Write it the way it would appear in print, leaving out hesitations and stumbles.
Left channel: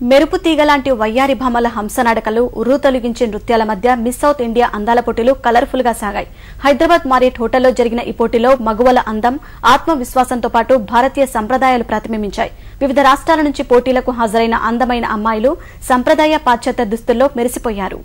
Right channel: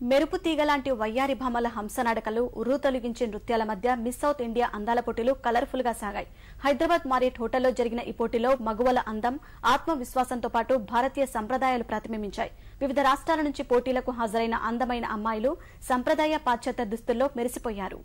మెరుపు తీగలాంటి వయ్యారి భామల హంసనాటకలు ఉర్రు తొలగించే నృత్యాల మధ్య మిస్ సౌత్ ఇండియా అందాల పోటీలు కలర్ఫుల్ గా సాగాయి. హైదరాబాద్ మారియట్ హోటల్లో జరిగిన ఈ పోటీలో మగువల అందం, ఆత్మవిశ్వాసంతో పాటు భారతీయ సంప్రదాయాలు ప్రతిబింబించాయి. వివిధ రాష్ట్రాల నుంచి పోటీలకు హాజరైన అందమైన అమ్మాయిలు సంప్రదాయ పాశ్చాత్య దుస్తుల్లో మెరిసిపోయారు.